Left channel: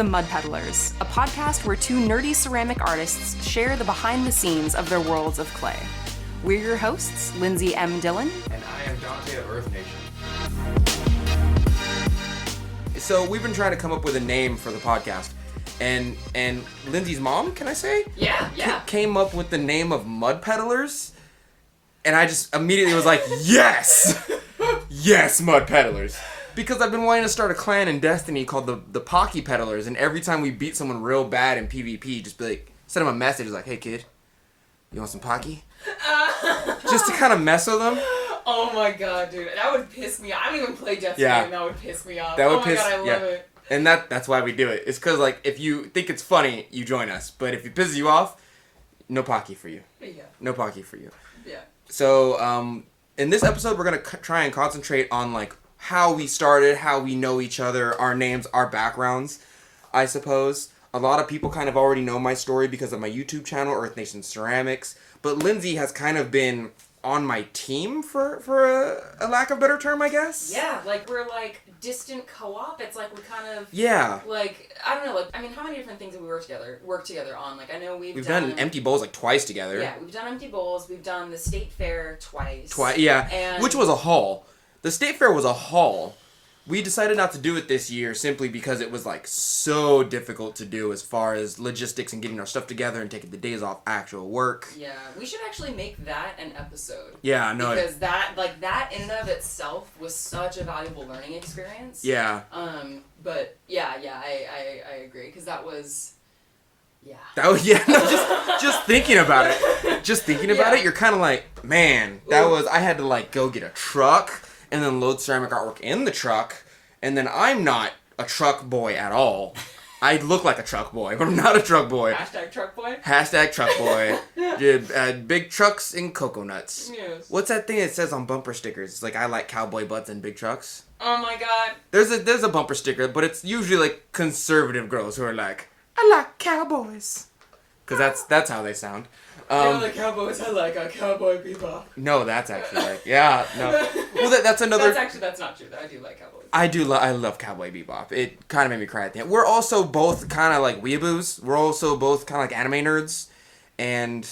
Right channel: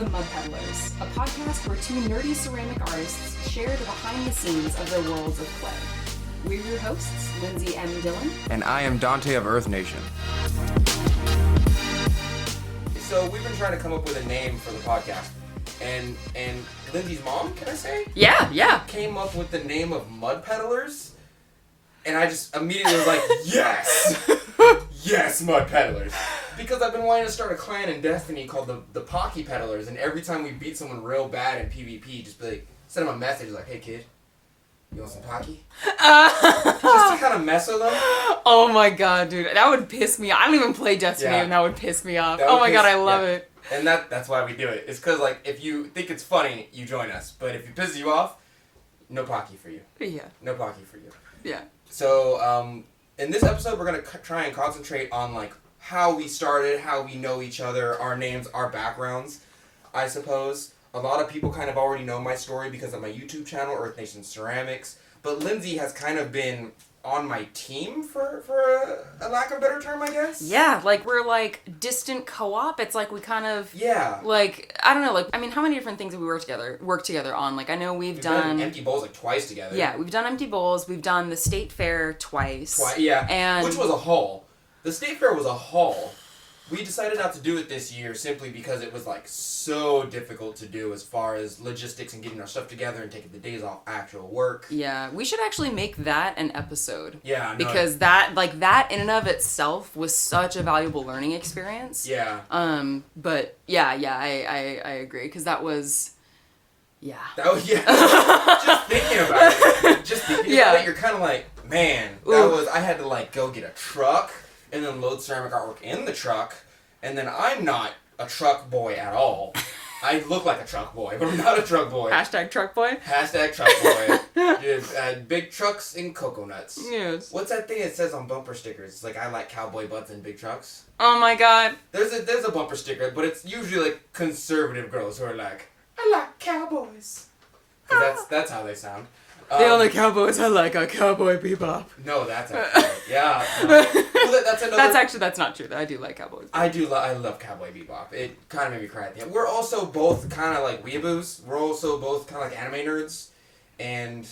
the Mud Peddlers, a podcast where two nerdy ceramic artists share the behind the scenes of their worlds of clay. We're your hosts, Lindsey M Dillon. And I am Donte of Earth Nation. So we've been trying to come up with a name for the podcast. And Lindsey's mom, can I say? Yeah. Came up with the name of Mud Peddlers. And I just immediately was like, yes! Yes, Mud Peddlers. Because I've been wanting to start a clan in Destiny called the Pocky Peddlers, and every time we beat someone real bad in PvP, just be like, send them a message like, hey kid, you want some Pocky? Just to kind of mess with them. Oh my god, dude. That would piss me off. I don't even play Destiny and that would piss me off. Oh my god, I love it. And that's why we do it. It's because, like, if you think it's funny, you join us. But if it pisses you off, no Pocky for you. Yeah. No Pocky for you. Yeah. So, in this episode, we're going to try and concentrate on, like, how we started, how we know each other, our names, our backgrounds, I suppose. A lot of people kind of already know my story because of my YouTube channel, Earth Nation Ceramics. But Lindsey has kind of been on my team for a lack of a better term, I guess. Yeah, like we're like distant co-op. It's like we kind of like I don't know, like I mean, how many different things have we work together on? Like I know we've done Empty Bowls like twice together. Yeah, we've done Empty Bowls. We've done the State Fair twice. And which was a haul. The State Fair was a haul. We decided not to do it this year simply because it was like so difficult to do as far as logistics and getting our stuff together and taking the days off actual work. Yeah, we should actually make that an episode. Yeah, no. Because that in and of itself was such a valuable learning experience. Yeah. But I agree because that was. Yeah. Just thinking about it, you're kind of like, man, I had to like go get a truck and then load ceramic artwork in the truck, and then I'm not a truck boy at all. I look like a truck boy, but I'm not a truck boy. Hashtag truck boy? Hashtag truck boy. Dude, big trucks and coconuts. Yes. What's that thing it says on bumper stickers? It's like, I like cowboy butts and big trucks. Oh my god. There's a bumper sticker, but it's usually like conservative girls who are like, I like cowboys. Because that's how they sound. The only cowboys I like are Cowboy Bebop. No, that's actually right. Yeah. No. Well, that's another... That's not true. I do like Cowboy Bebop. I love Cowboy Bebop. It kind of made me cry at the end. We're also both kind of like weeaboos. We're also both kind of like anime nerds. And...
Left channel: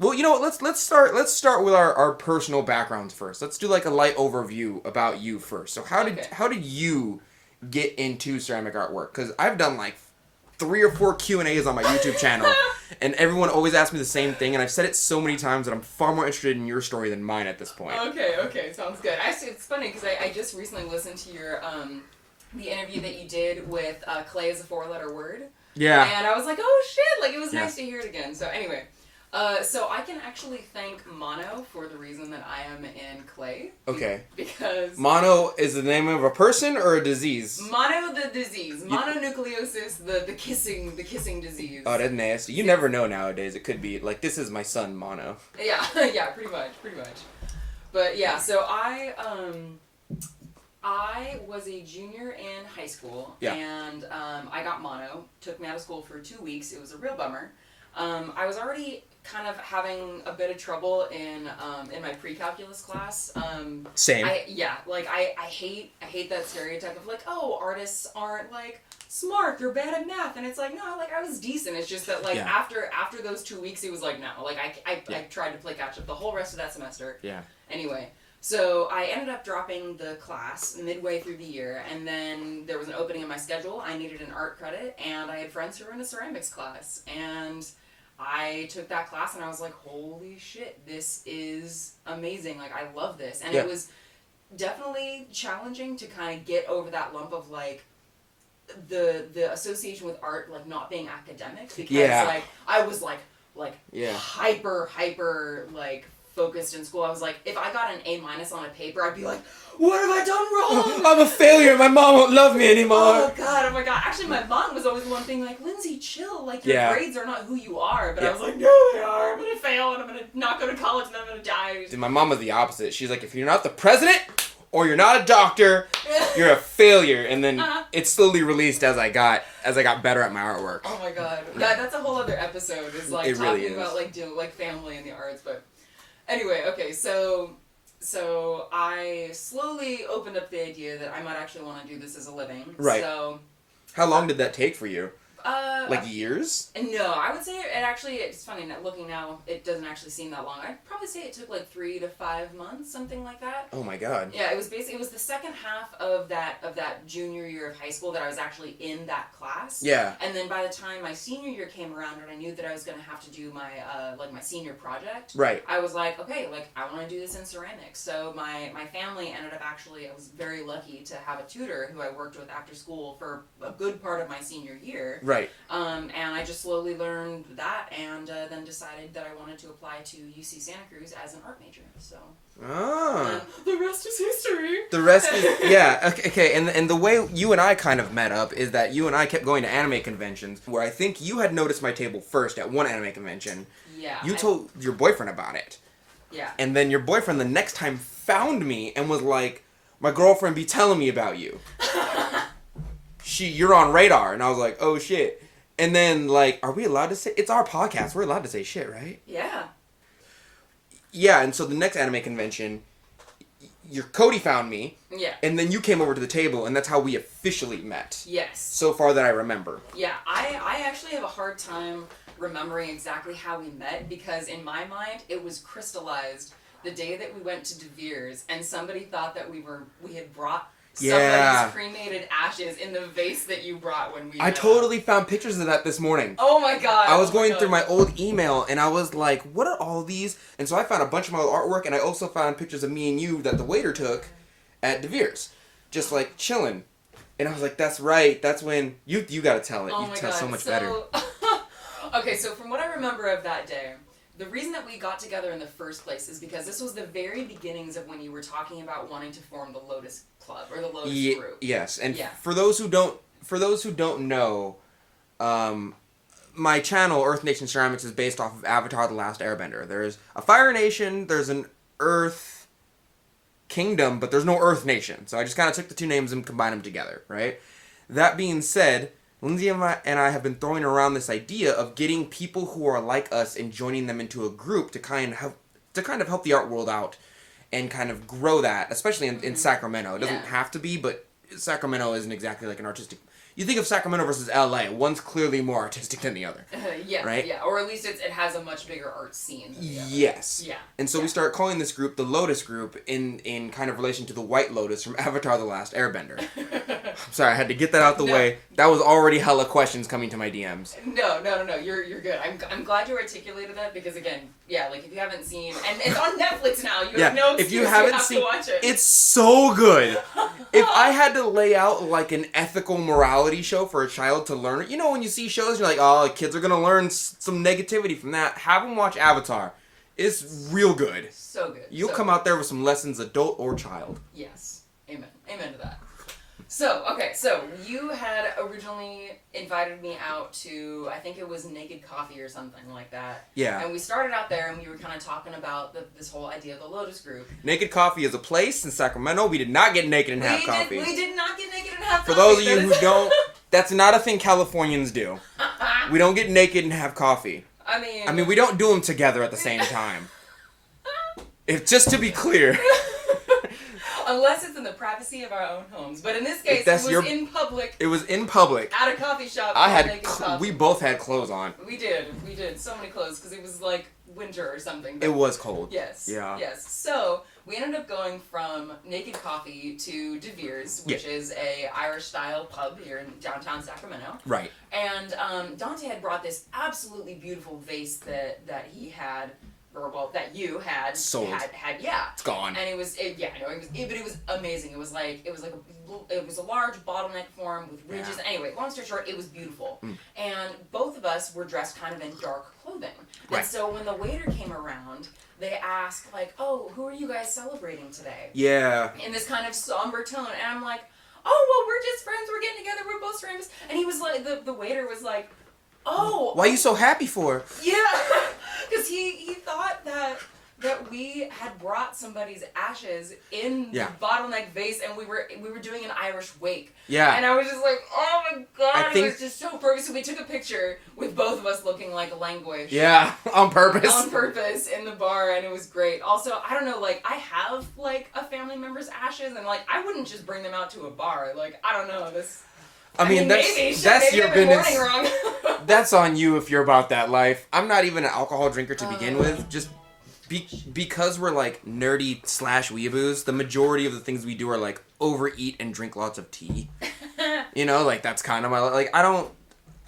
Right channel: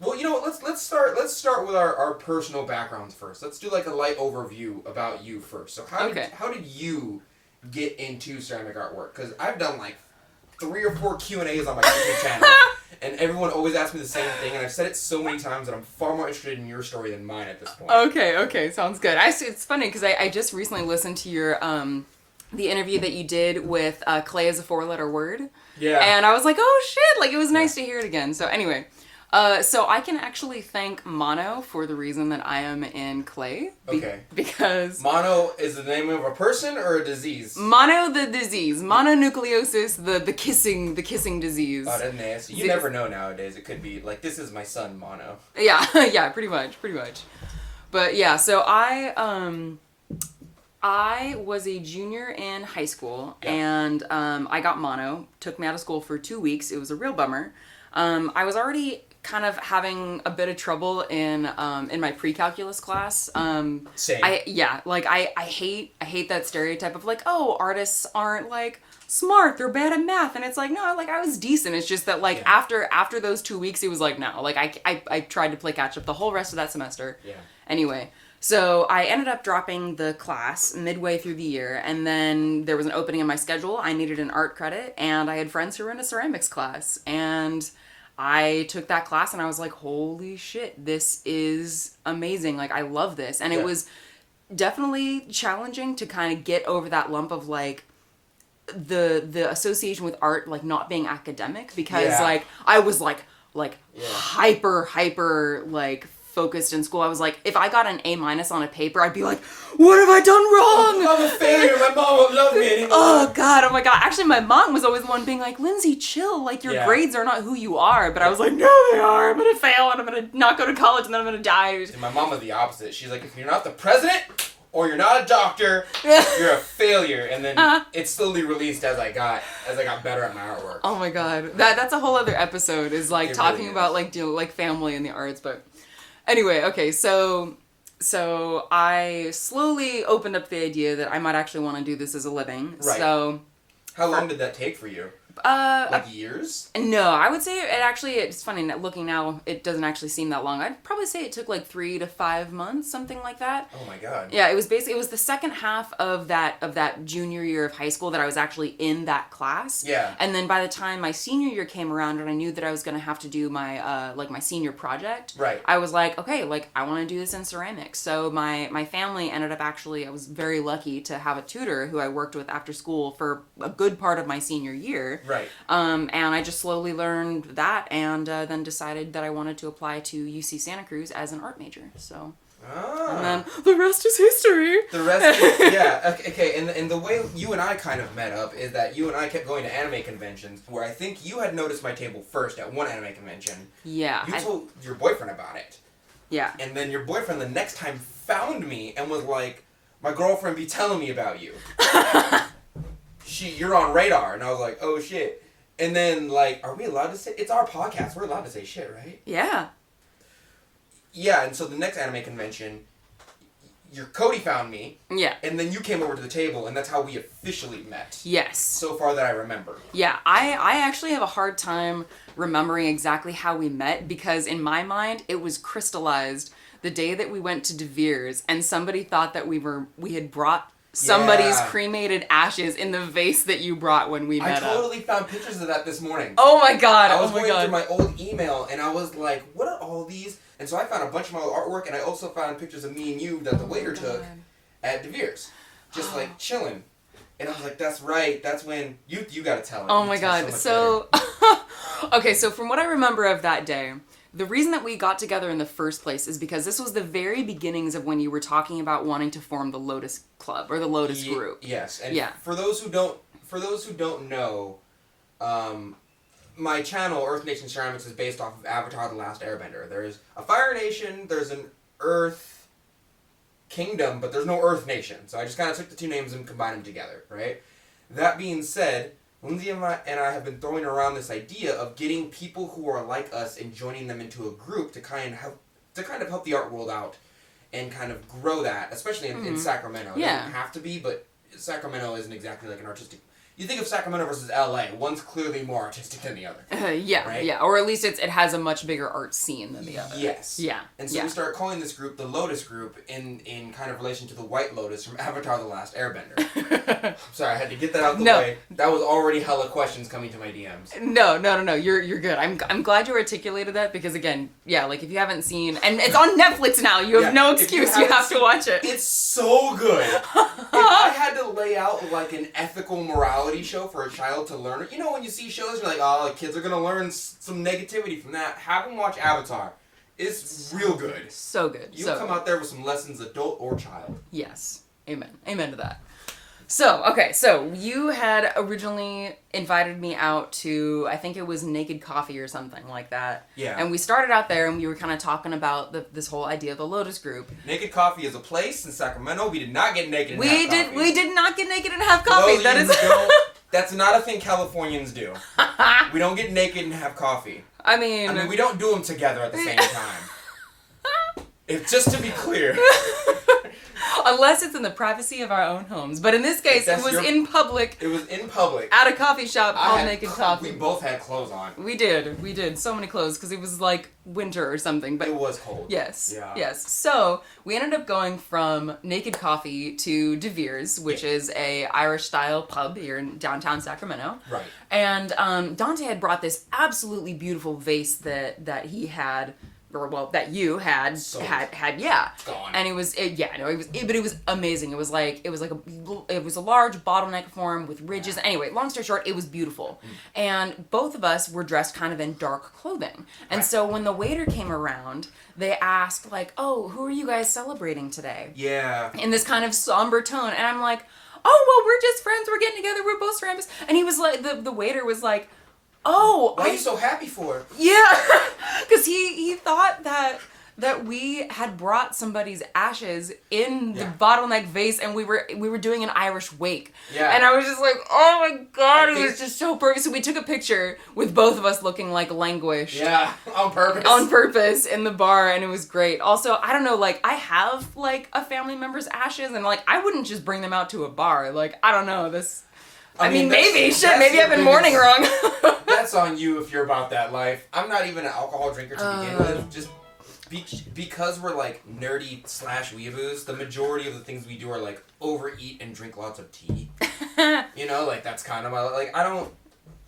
Well, you know what? Let's start with our personal backgrounds first. Let's do like a light overview about you first. So how did you get into ceramic artwork? Because I've done like 3 or 4 Q&As on my YouTube channel, and everyone always asks me the same thing, and I've said it so many times that I'm far more interested in your story than mine at this point. Okay, sounds good. Actually, it's funny because I just recently listened to your the interview that you did with Clay as a 4-letter word. Yeah. And I was like, oh shit, like it was nice to hear it again. So anyway, so I can actually thank Mono for the reason that I am in clay. Okay. Because... Mono is the name of a person or a disease? Mono the disease. Mononucleosis, the kissing disease. Oh, that's nasty. You never know nowadays. It could be, like, this is my son, Mono. Yeah, pretty much. But yeah, so I was a junior in high school, and I got mono. Took me out of school for 2 weeks. It was a real bummer. I was already kind of having a bit of trouble in my pre-calculus class. Same. I hate that stereotype of like, oh, artists aren't like smart, they're bad at math, and it's like, no, like I was decent. It's just that like after those 2 weeks, it was like, no, like I tried to play catch up the whole rest of that semester. Yeah. Anyway. So I ended up dropping the class midway through the year, and then there was an opening in my schedule. I needed an art credit, and I had friends who were in a ceramics class, and I took that class, and I was like, holy shit, this is amazing. Like, I love this. And it was definitely challenging to kind of get over that lump of, like, the association with art, like, not being academic, because, like, I was, like hyper, like, focused in school. I was like, if I got an A- on a paper, I'd be like, what have I done wrong? I'm a failure. My mom won't love me anymore. Oh my god. Actually, my mom was always the one being like, Lindsey, chill. Like, your grades are not who you are. But I was like, no, they are. I'm going to fail, and I'm going to not go to college, and then I'm going to die. See, my mom was the opposite. She's like, if you're not the president or you're not a doctor, you're a failure. And then it slowly released as I got better at my artwork. Oh my god. That's a whole other episode, is like talking really about like family and the arts. But anyway, okay, so I slowly opened up the idea that I might actually want to do this as a living. Right. So How long did that take for you? Like years? No, I would say it's funny, looking now, it doesn't actually seem that long. I'd probably say it took like 3 to 5 months, something like that. Oh my god. Yeah, it was the second half of that junior year of high school that I was actually in that class. Yeah. And then by the time my senior year came around and I knew that I was going to have to do my my senior project, right. I was like, okay, like I want to do this in ceramics. So my family ended up I was very lucky to have a tutor who I worked with after school for a good part of my senior year. Right. And I just slowly learned that and then decided that I wanted to apply to UC Santa Cruz as an art major. So. And then the rest is history. The rest is, yeah. Okay, and the way you and I kind of met up is that you and I kept going to anime conventions where I think you had noticed my table first at one anime convention. Yeah. You told your boyfriend about it. Yeah. And then your boyfriend the next time found me and was like, my girlfriend be telling me about you. You're on radar. And I was like, oh shit. And then, like, are we allowed to say... It's our podcast. We're allowed to say shit, right? Yeah. Yeah, and so the next anime convention, your Cody found me. Yeah. And then you came over to the table, and that's how we officially met. Yes. So far that I remember. Yeah, I actually have a hard time remembering exactly how we met because in my mind, it was crystallized the day that we went to De Vere's and somebody thought that we had brought somebody's cremated ashes in the vase that you brought when we met I totally found pictures of that this morning. Oh my god. I was going through my old email and I was like, what are all these? And so I found a bunch of my old artwork and I also found pictures of me and you that the waiter took at De Vere's. Just like chilling. And I was like, that's right. That's when you got to tell it. Oh you my tell god. So Okay, so from what I remember of that day, the reason that we got together in the first place is because this was the very beginnings of when you were talking about wanting to form the Lotus Club or the Lotus Group. Yes, and for those who don't know, my channel Earth Nation Ceramics is based off of Avatar: The Last Airbender. There's a Fire Nation, there's an Earth Kingdom, but there's no Earth Nation. So I just kind of took the two names and combined them together, right? That being said, Lindsey and I have been throwing around this idea of getting people who are like us and joining them into a group to kind of help the art world out and kind of grow that, especially in Sacramento. It doesn't have to be, but Sacramento isn't exactly like an artistic... You think of Sacramento versus LA, one's clearly more artistic than the other. Right? Yeah, or at least it has a much bigger art scene than the other. Yes. Yeah. And so we start calling this group the Lotus Group in kind of relation to the White Lotus from Avatar: The Last Airbender. I'm sorry, I had to get that out the way. That was already hella questions coming to my DMs. No, you're good. I'm glid you articulated that because again, like if you haven't seen, and it's on Netflix now, you have no excuse, you have to watch it. It's so good. If I had to lay out like an ethical morality show for a child to learn, you know when you see shows, you're like, oh, kids are gonna learn some negativity from that. Have them watch Avatar. It's real good. So good. You'll come out there with some lessons, adult or child. Yes. Amen. Amen to that. So you had originally invited me out to, I think it was Naked Coffee or something like that. Yeah. And we started out there and we were kind of talking about this whole idea of the Lotus Group. Naked Coffee is a place in Sacramento. We did not get naked and have coffee. We did not get naked and have coffee. For those of you who don't, that's not a thing Californians do. We don't get naked and have coffee. I mean, we don't do them together at the same time. Just to be clear. Unless it's in the privacy of our own homes. But in this case, it was in public. It was in public. At a coffee shop. Naked coffee. We both had clothes on. We did. So many clothes because it was like winter or something. But it was cold. Yes. Yeah. Yes. So we ended up going from Naked Coffee to De Vere's, which is a Irish-style pub here in downtown Sacramento. Right. And Donte had brought this absolutely beautiful vase that he had... that you had sold. had yeah. It's gone. And it was amazing. It was a large bottleneck form with ridges. Yeah. Anyway, long story short, it was beautiful. And both of us were dressed kind of in dark clothing. And so when the waiter came around, they asked like, "Oh, who are you guys celebrating today?" Yeah. In this kind of somber tone, and I'm like, "Oh, well, we're just friends. We're getting together. We're both ceramics." And he was like, the waiter was like, "Oh, why are you so happy for?" Yeah, because he thought that we had brought somebody's ashes in the bottleneck vase, and we were doing an Irish wake. Yeah. And I was just like, oh my god, it was just so perfect. So we took a picture with both of us looking like languished. Yeah, on purpose. On purpose in the bar, and it was great. Also, I don't know, like I have like a family member's ashes, and like I wouldn't just bring them out to a bar. Like I don't know this. I mean maybe. Shit, that's maybe your I've been business. mourning wrong. That's on you if you're about that life. I'm not even an alcohol drinker to begin with. Just because we're like nerdy / weeaboos, the majority of the things we do are like overeat and drink lots of tea. You know, like that's kind of my like.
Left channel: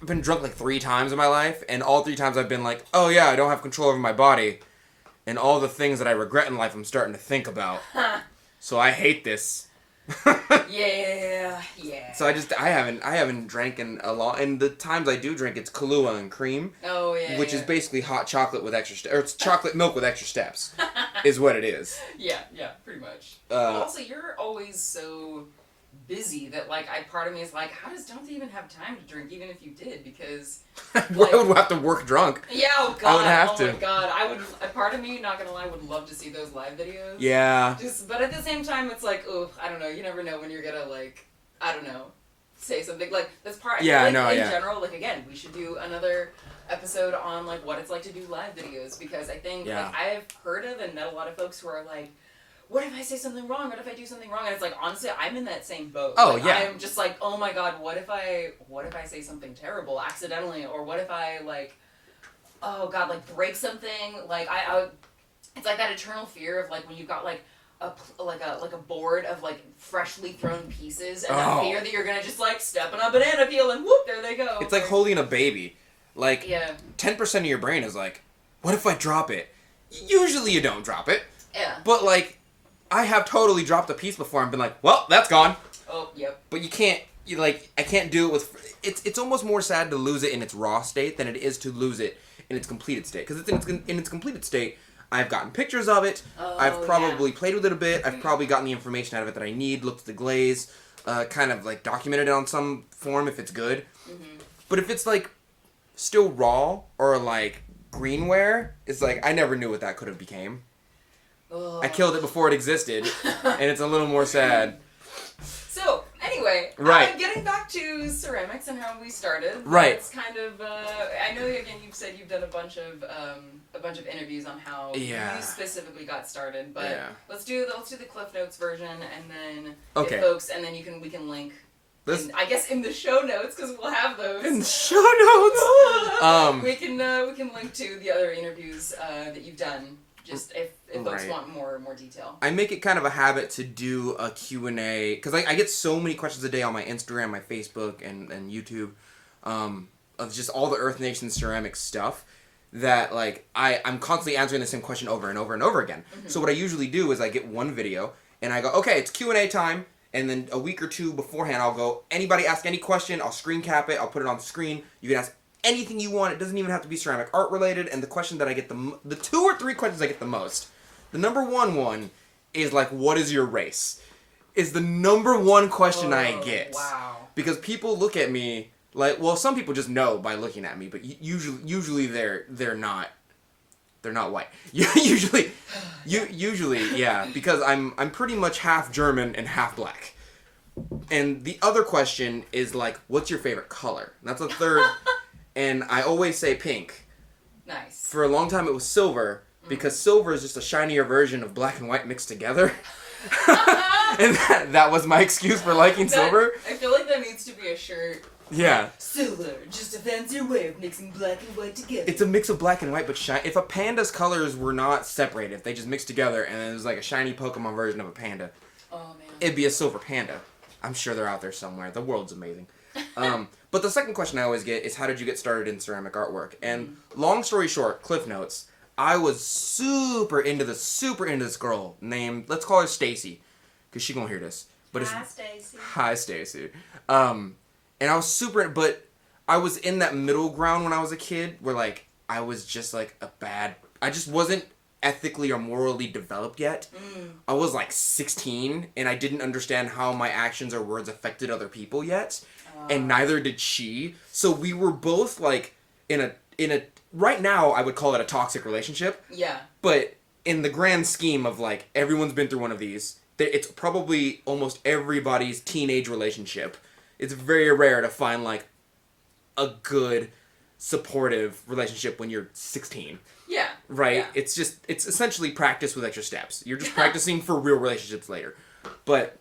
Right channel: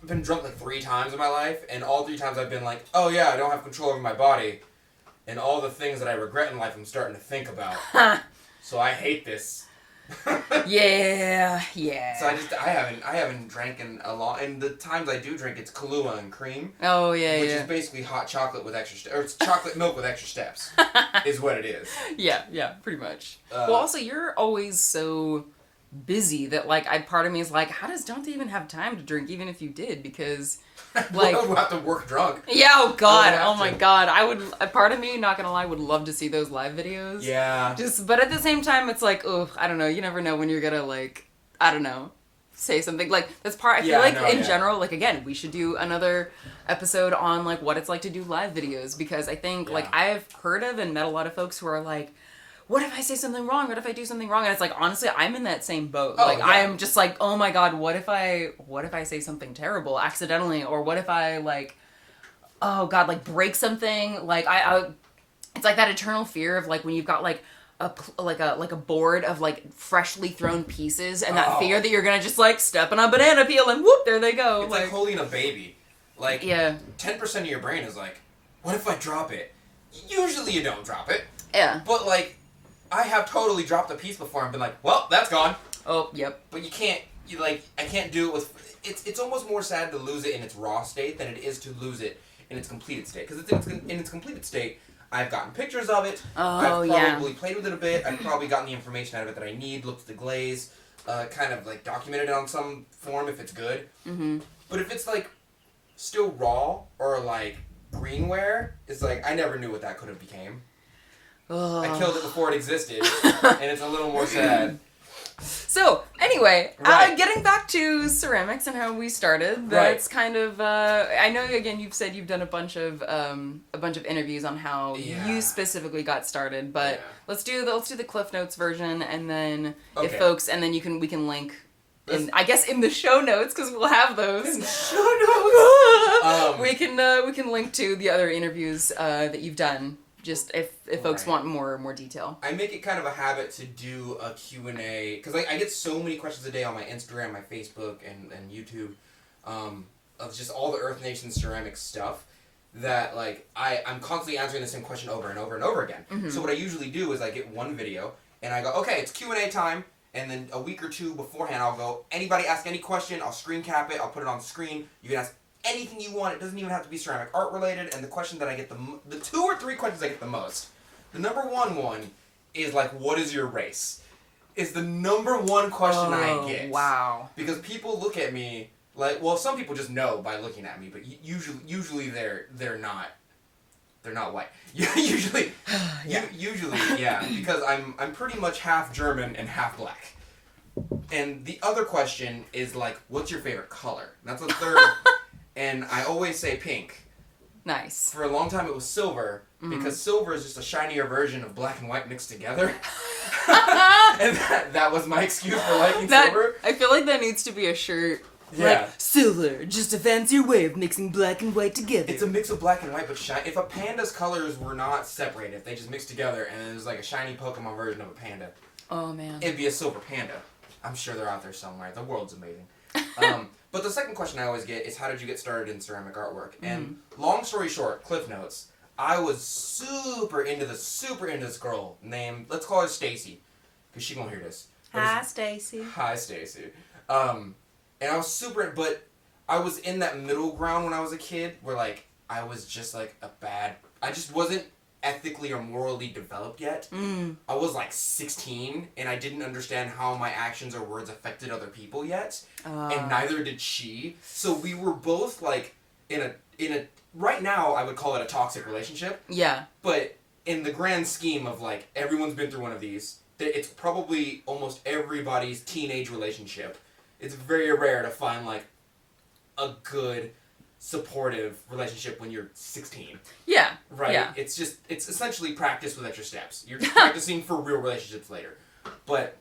I've been drunk like 3 times in my life, and all 3 times I've been like, oh yeah, I don't have control over my body, and all the things that I regret in life I'm starting to think about. So I hate this. Yeah. So I haven't drank in a long, and the times I do drink, it's Kahlua and cream. Oh yeah. Which is basically hot chocolate with extra steps, or it's chocolate milk with extra steps, is what it is. Yeah, pretty much. Well, also you're always so busy that like part of me is like, how does Donte even have time to drink, even if you did? Because like I would have to work drunk. Yeah. Oh god. My god. I would. A part of me, not gonna lie, would love to see those live videos. Yeah. But at the same time, it's like, oh, I don't know. You never know when you're gonna like, I don't know, say something like that's part. I feel like in general, like again, we should do another episode on like what it's like to do live videos, because I think like I've heard of and met a lot of folks who are like, what if I say something wrong? What if I do something wrong? And it's like, honestly, I'm in that same boat. Oh, like, yeah. I'm just like, oh my god, what if I say something terrible accidentally? Or what if I like, oh god, like break something? Like I it's like that eternal fear of like when you've got like a board of like freshly thrown pieces, and that fear that you're gonna just like step on a banana peel and whoop, there they go. It's like holding a baby. Like 10% of your brain is like, what if I drop it? Usually you don't drop it. Yeah. But like, I have totally dropped a piece before and been like, well, that's gone. Oh, yep. But I can't do it with, it's almost more sad to lose it in its raw state than it is to lose it in its completed state. Because in its completed state, I've gotten pictures of it, I've probably played with it a bit, I've probably gotten the information out of it that I need, looked at the glaze, kind of like documented it on some form if it's good. Mm-hmm. But if it's like still raw or like greenware, it's like, I never knew what that could have became. I killed it before it existed, and it's a little more sad. So, anyway, getting back to ceramics and how we started. That's kind of, I know, again, you've said you've done a bunch of interviews on how you specifically got started, but let's do the Cliff Notes version, and then if folks, and then we can link, I guess in the show notes, because we'll have those. In the show notes! we can link to the other interviews that you've done. Just if folks want more detail. I make it kind of a habit to do a Q&A, because I get so many questions a day on my Instagram, my Facebook, and YouTube, of just all the Earth Nation ceramic stuff, that like I'm constantly answering the same question over and over and over again. Mm-hmm. So what I usually do is I get one video, and I go, okay, it's Q&A time, and then a week or two beforehand I'll go, anybody ask any question, I'll screen cap it, I'll put it on the screen, you can ask anything you want. It doesn't even have to be ceramic art related. And the question that I get the 2 or 3 questions I get the most, the number one is like, what is your race? Is the number one question I get. Wow. Because people look at me like, well, some people just know by looking at me, but usually they're not white. usually, because I'm pretty much half German and half black. And the other question is like, what's your favorite color? And that's the third. And I always say pink. Nice. For a long time it was silver, because silver is just a shinier version of black and white mixed together. And that was my excuse for liking silver. I feel like that needs to be a shirt. Yeah. Like, silver, just a fancier way of mixing black and white together. It's a mix of black and white, but if a panda's colors were not separated, if they just mixed together and it was like a shiny Pokemon version of a panda, oh man, it'd be a silver panda. I'm sure they're out there somewhere. The world's amazing. But the second question I always get is, how did you get started in ceramic artwork? And long story short, Cliff Notes, I was super into this girl named, let's call her Stacy, because she won't hear this. Hi, Stacy. Hi, Stacy. And I was but I was in that middle ground when I was a kid, where like, I was just like I just wasn't ethically or morally developed yet. I was like 16, and I didn't understand how my actions or words affected other people yet, and neither did she. So we were both like in a right now I would call it a toxic relationship. Yeah. But in the grand scheme of like, everyone's been through one of these. It's probably almost everybody's teenage relationship. It's very rare to find like a good, supportive relationship when you're 16. Yeah. Right? Yeah. It's essentially practice with extra steps. You're just practicing for real relationships later. But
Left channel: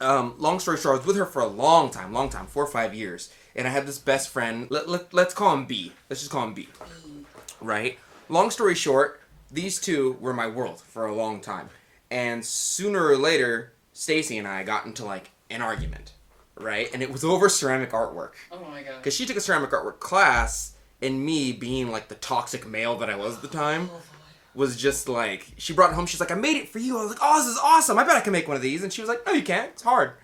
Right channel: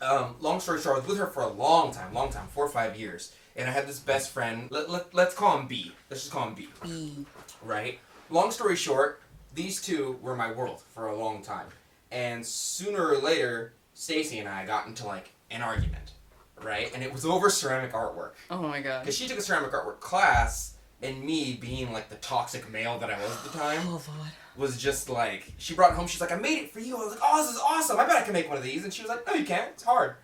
long story short, I was with her for a long time, 4 or 5 years. And I had this best friend, let's call him B. Let's just call him B. B. Right? Long story short, these two were my world for a long time. And sooner or later, Stacy and I got into like an argument. Right? And it was over ceramic artwork. Oh my god. Because she took a ceramic artwork class, and me, being like the toxic male that I was at the time, was just like, she brought it home, she's like, I made it for you. I was like, oh, this is awesome. I bet I can make one of these. And she was like, no, you can't. It's hard.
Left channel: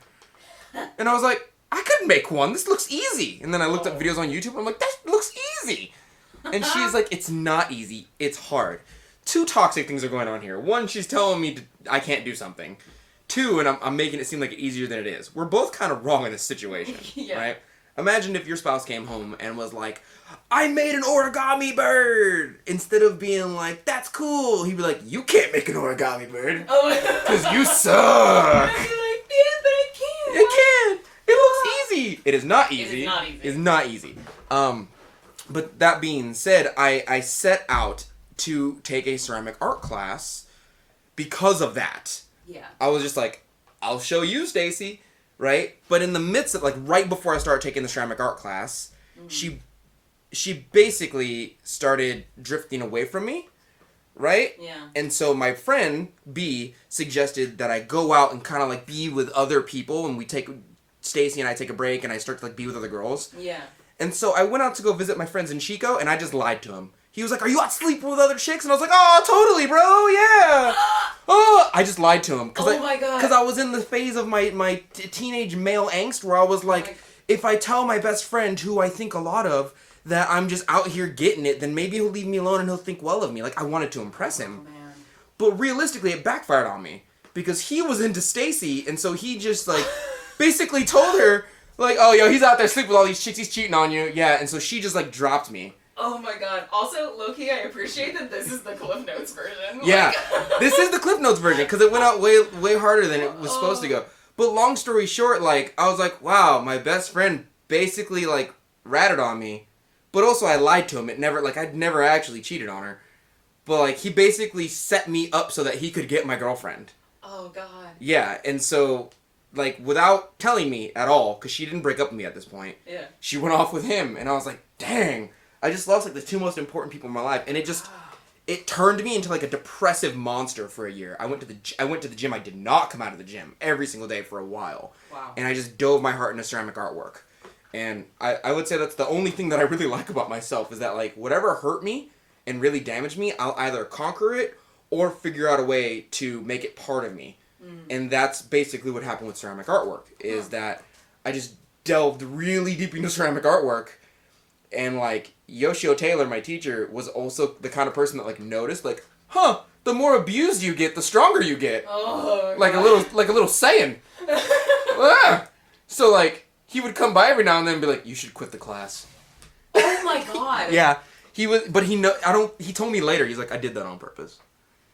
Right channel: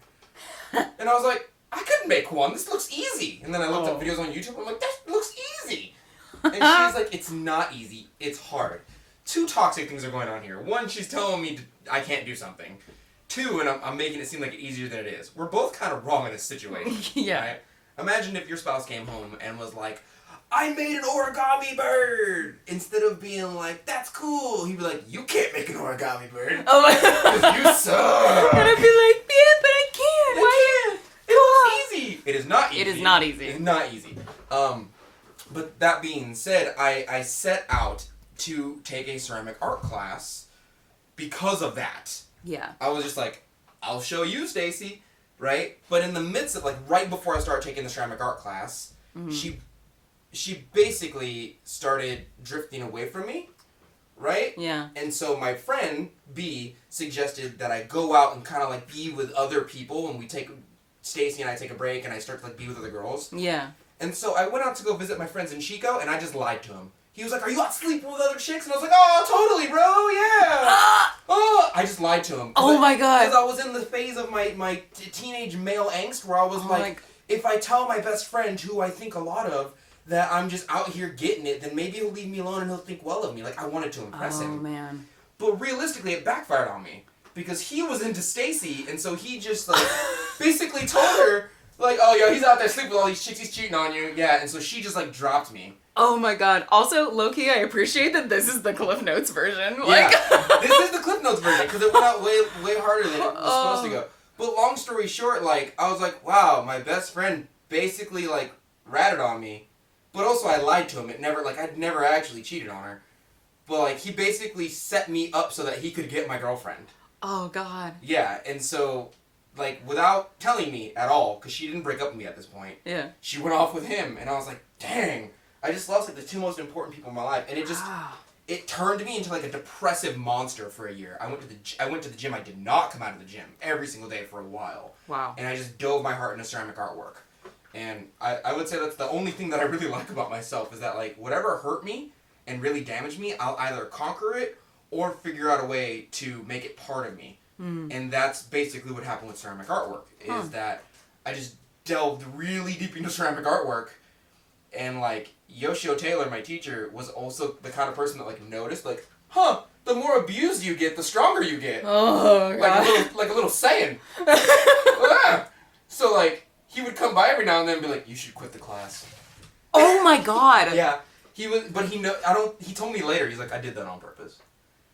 And I was like, I couldn't make one. This looks easy. And then I looked up videos on YouTube, and I'm like, that looks easy. And she's like, it's not easy. It's hard. 2 toxic things are going on here. 1, she's telling me I can't do something. 2, and I'm making it seem like it's easier than it is. We're both kind of wrong in this situation. Yeah. Right? Imagine if your spouse came home and was like, I made an origami bird! Instead of being like, that's cool. He'd be like, you can't make an origami bird. Oh my god. Because you suck. And I'd be like, yeah, but I can't. You can't. It looks easy. It is not easy. It is not easy. It's not easy. But that being said, I set out to take a ceramic art class because of that. Yeah. I was just like, I'll show you, Stacy, right? But in the midst of, like, right before I started taking the ceramic art class, she basically started drifting away from me, right? Yeah. And so my friend, B, suggested that I go out and kind of, like, be with other people, and Stacy and I take a break, and I start to, like, be with other girls. Yeah. And so I went out to go visit my friends in Chico, and I just lied to him. He was like, are you out sleeping with other chicks? And I was like, oh, totally, bro, yeah. Oh, I just lied to him. Oh my god. Because I was in the phase of my teenage male angst where I was like, if I tell my best friend, who I think a lot of, that I'm just out here getting it, then maybe he'll leave me alone and he'll think well of me. Like, I wanted to impress him. Oh, man. But realistically, it backfired on me. Because he was into Stacy, and so he just, like, basically told her, like, oh, yo, he's out there sleeping with all these chicks, he's cheating on you. Yeah, and so she just, like, dropped me. Oh my god. Also, low-key, I appreciate that this is the Cliff Notes version. Yeah, this is the Cliff Notes version, because it went out way harder than it was supposed to go. But long story short, like, I was like, wow, my best friend basically, like, ratted on me. But also, I lied to him. I'd never actually cheated on her. But, like, he basically set me up so that he could get my girlfriend. Oh, God. Yeah, and so, like, without telling me at all, because she didn't break up with me at this point. Yeah. She went off with him, and I was like, dang. I just lost, like, the 2 most important people in my life. And it just, it turned me into, like, a depressive monster for a year. I went to the gym. I did not come out of the gym every single day for a while. Wow. And I just dove my heart into ceramic artwork. And I would say that's the only thing that I really like about myself is that, like, whatever hurt me and really damaged me, I'll either conquer it or figure out a way to make it part of me. And that's basically what happened with ceramic artwork, is that I just delved really deep into ceramic artwork. And, like, Yoshio Taylor, my teacher, was also the kind of person that, like, noticed, like, huh, the more abused you get, the stronger you get. Oh, like a little Saiyan. So, like, he would come by every now and then and be like, you should quit the class. Oh my god. Yeah. He told me later, he's like, I did that on purpose.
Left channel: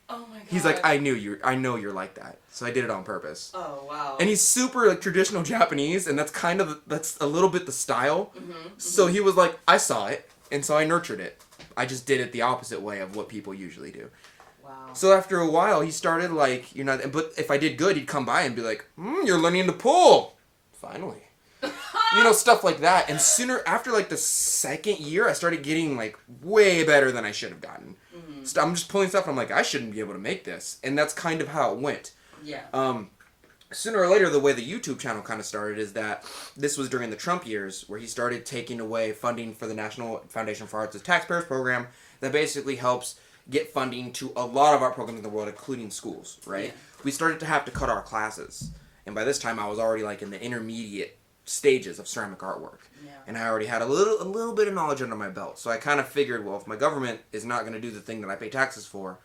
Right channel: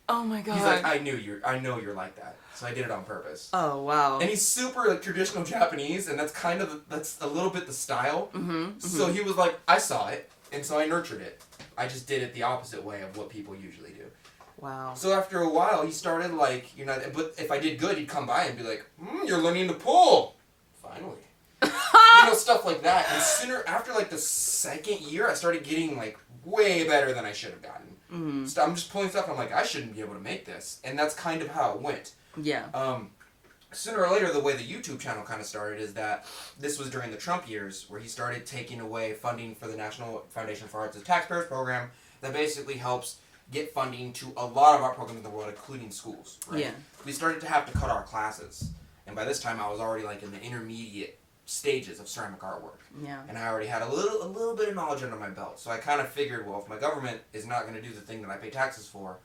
Oh my god. He's like, I know you're like that. So I did it on purpose. Oh, wow. And he's super, like, traditional Japanese, and that's a little bit the style. So he was like, I saw it, and so I nurtured it. I just did it the opposite way of what people usually do. Wow. So after a while, he started, like, but if I did good, he'd come by and be like, you're learning to pull. Finally. Stuff like that. And after, like, the second year, I started getting, like, way better than I should have gotten. So I'm just pulling stuff, and I'm like, I shouldn't be able to make this. And that's kind of how it went. Yeah. Sooner or later, the way the YouTube channel kind of started is that this was during the Trump years, where he started taking away funding for the National Foundation for Arts as Taxpayers program that basically helps get funding to a lot of art programs in the world, including schools, right? Yeah. We started to have to cut our classes. And by this time, I was already, like, in the intermediate stages of ceramic artwork. Yeah. And I already had a little bit of knowledge under my belt. So I kind of figured, well, if my government is not going to do the thing that I pay taxes for,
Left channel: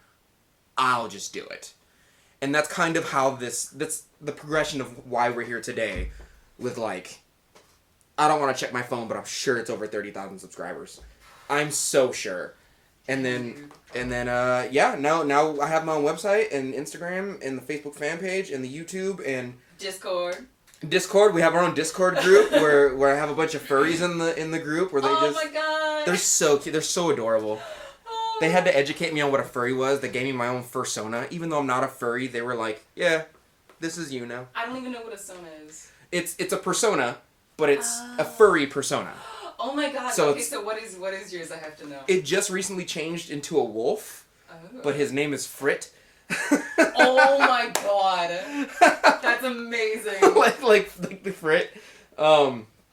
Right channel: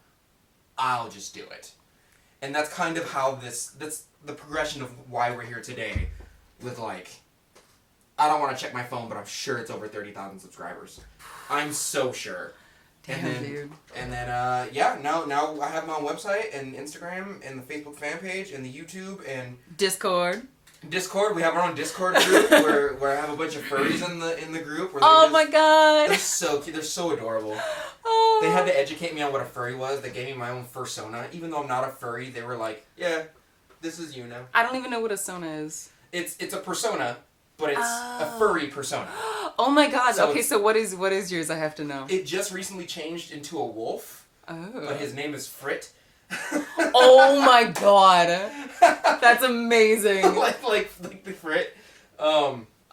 I'll just do it. And that's kind of how that's the progression of why we're here today with, like, I don't want to check my phone, but I'm sure it's over 30,000 subscribers. I'm so sure. And then now I have my own website and Instagram and the Facebook fan page and the YouTube and Discord. We have our own Discord group where I have a bunch of furries in the group where my god. They're so cute. They're so adorable. Oh. They had to educate me on what a furry was. They gave me my own fursona. Even though I'm not a furry, they were like, yeah, This is you now. I don't even know what a sona is. It's a persona, but it's a furry persona. Oh my god. So okay, so what is yours? I have to know. It just recently changed into a wolf. Oh. But his name is Frit. Oh my god. That's amazing. like the Frit.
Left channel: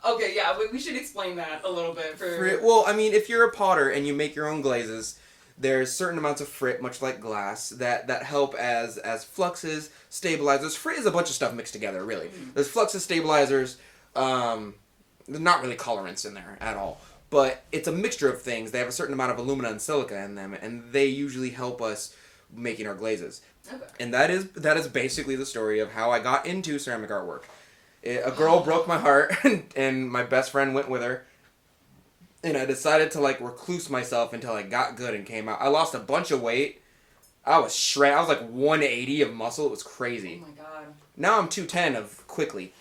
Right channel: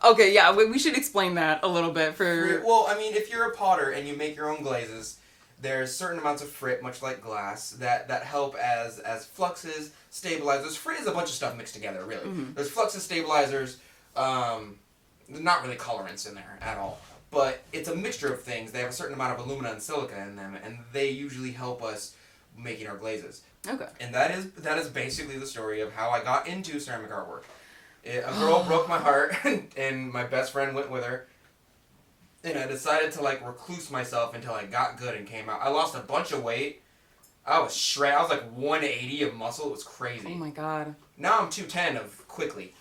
Okay, yeah, we should explain that a little bit for... Well, I mean, if you're a potter and you make your own glazes, there's certain amounts of frit, much like glass, that help as fluxes, stabilizers. Frit is a bunch of stuff mixed together, really. Mm-hmm. There's fluxes, stabilizers, there's not really colorants in there at all. But it's a mixture of things. They have a certain amount of alumina and silica in them, and they usually help us making our glazes. Okay. And that is basically the story of how I got into ceramic artwork. A girl broke my heart, and my best friend went with her. And I decided to, recluse myself until I got good and came out. I lost a bunch of weight. I was shredded. I was, 180 of muscle. It was crazy. Oh, my God. Now I'm 210 of quickly.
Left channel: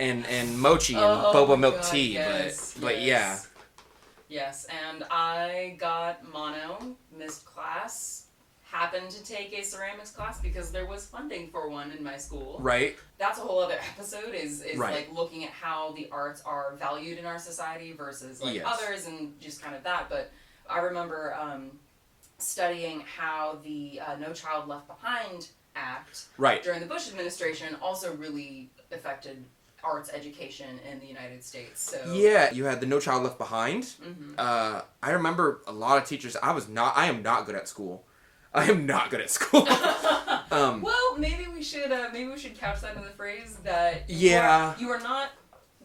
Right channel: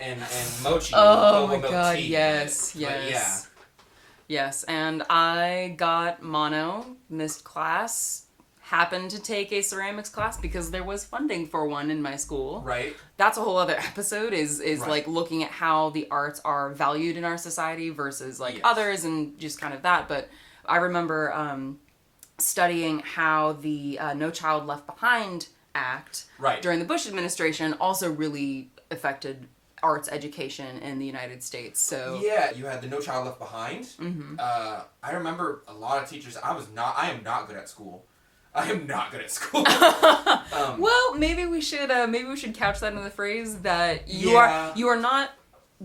and mochi and boba milk tea. Yes, but yeah. Yes, and I got mono, missed class, happened to take a ceramics class because there was funding for one in my school. Right. That's a whole other episode is right. Looking at how the arts are valued in our society versus yes. others and just kind of that. But I remember studying how the No Child Left Behind Act right. during the Bush administration also really affected arts education in the United States. So yeah, you had the No Child Left Behind. Mm-hmm. I remember a lot of teachers. I am not good at school. I am not good at school. Well, maybe we should couch that in the phrase that you are not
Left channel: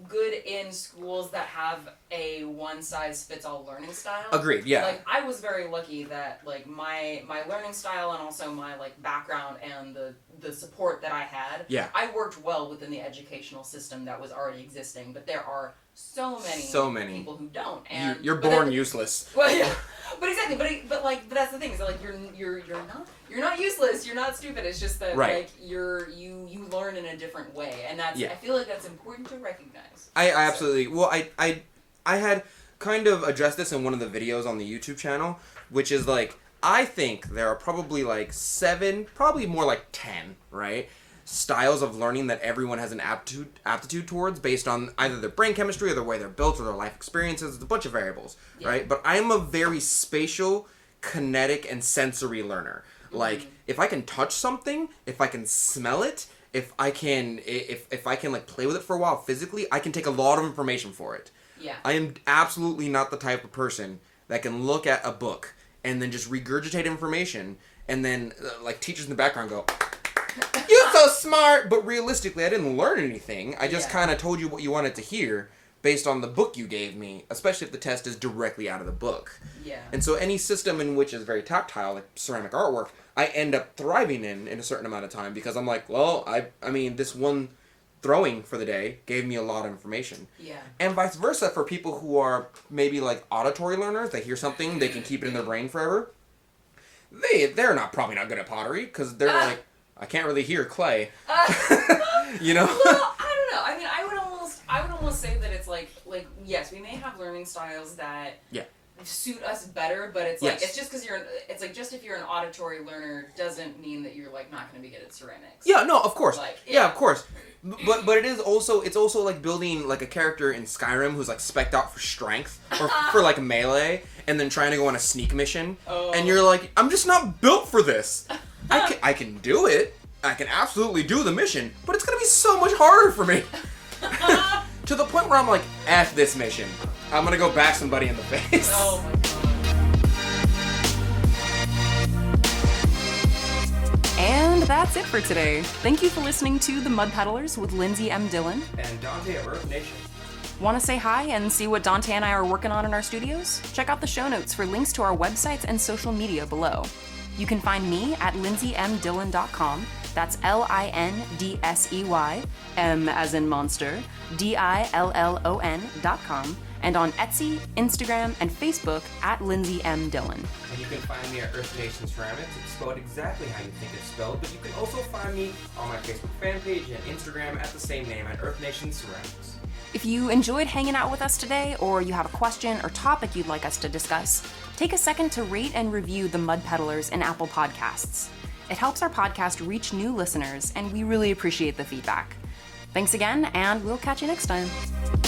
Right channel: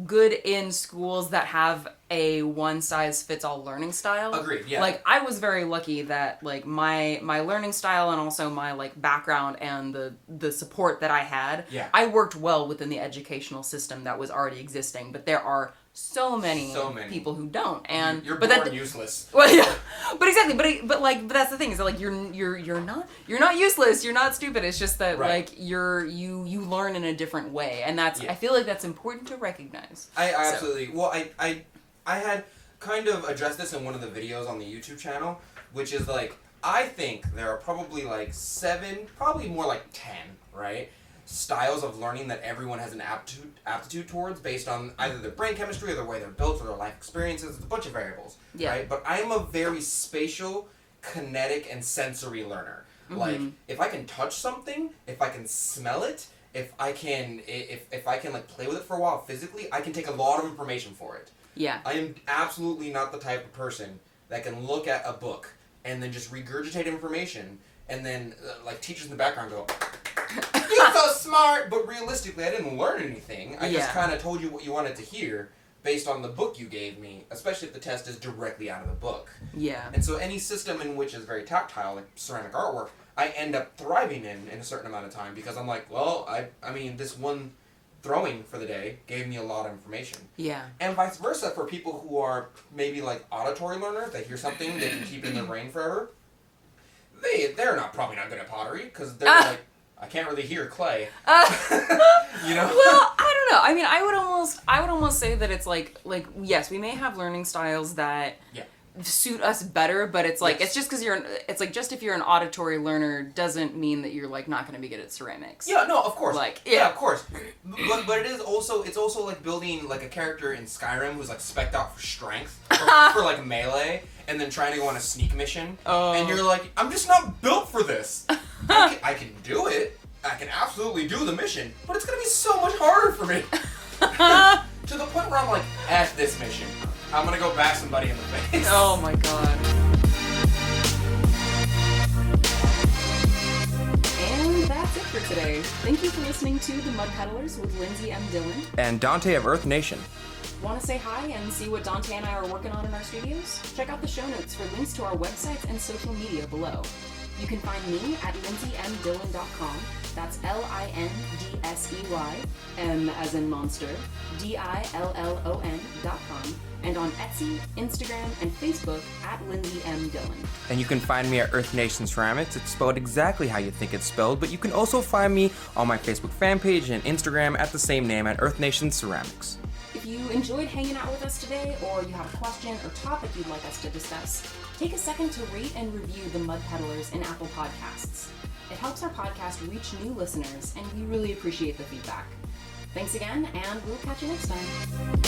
good in schools that have a one-size-fits-all learning style. Agreed, yeah. I was very lucky that, my learning style and also my, background and the support that I had, yeah. I worked well within the educational system that was already existing, but there are so many people who don't, and you're born useless. Well, yeah, but exactly, but that's the thing is that you're not useless, you're not stupid. It's just that right. you learn in a different way, and that's yeah. I feel like that's important to recognize. I absolutely well I had kind of addressed this in one of the videos on the YouTube channel, which is I think there are probably 7, probably more 10, right? Styles of learning that everyone has an aptitude towards based on either their brain chemistry or the way they're built or their life experiences. It's a bunch of variables, yeah. right? But I'm a very spatial, kinetic, and sensory learner. Mm-hmm. If I can touch something, if I can smell it, if I can play with it for a while physically, I can take a lot of information for it. Yeah. I am absolutely not the type of person that can look at a book and then just regurgitate information and then teachers in the background go, "You're so smart," but realistically, I didn't learn anything. I just kind of told you what you wanted to hear based on the book you gave me, especially if the test is directly out of the book. Yeah. And so any system in which is very tactile, like ceramic artwork, I end up thriving in a certain amount of time because I'm well, I mean, this one throwing for the day gave me a lot of information. Yeah. And vice versa for people who are maybe auditory learners. They hear something, they can keep it in their brain forever. They're probably not good at pottery because they're I can't really hear clay. You know? Well, I don't know. I mean, I would almost say that it's yes, we may have learning styles that suit us better, but it's yes. it's just because just if you're an auditory learner doesn't mean that you're not going to be good at ceramics. Yeah, no, of course. Yeah, of course. But it's also like building a character in Skyrim who's spec'd out for strength or for melee and then trying to go on a sneak mission. Oh. And you're I'm just not built for this. I can do it. I can absolutely do the mission, but it's going to be so much harder for me. To the point where I'm F this mission. I'm going to go back somebody in the face. Oh my god. And that's it for today. Thank you for listening to The Mud Peddlers with Lindsey M Dillon and Donte of Earth Nation. Want to say hi and see what Donte and I are working on in our studios? Check out the show notes for links to our websites and social media below. You can find me at lindseymdillon.com. That's LINDSEY, M as in monster, DILLON.com, and on Etsy, Instagram, and Facebook at Lindsey M Dillon. And you can find me at Earth Nation Ceramics. It's spelled exactly how you think it's spelled, but you can also find me on my Facebook fan page and Instagram at the same name at Earth Nation Ceramics. If you enjoyed hanging out with us today, or you have a question or topic you'd like us to discuss, take a second to rate and review the Mud Peddlers in Apple Podcasts. It helps our podcast reach new listeners, and we really appreciate the feedback. Thanks again, and we'll catch you next time.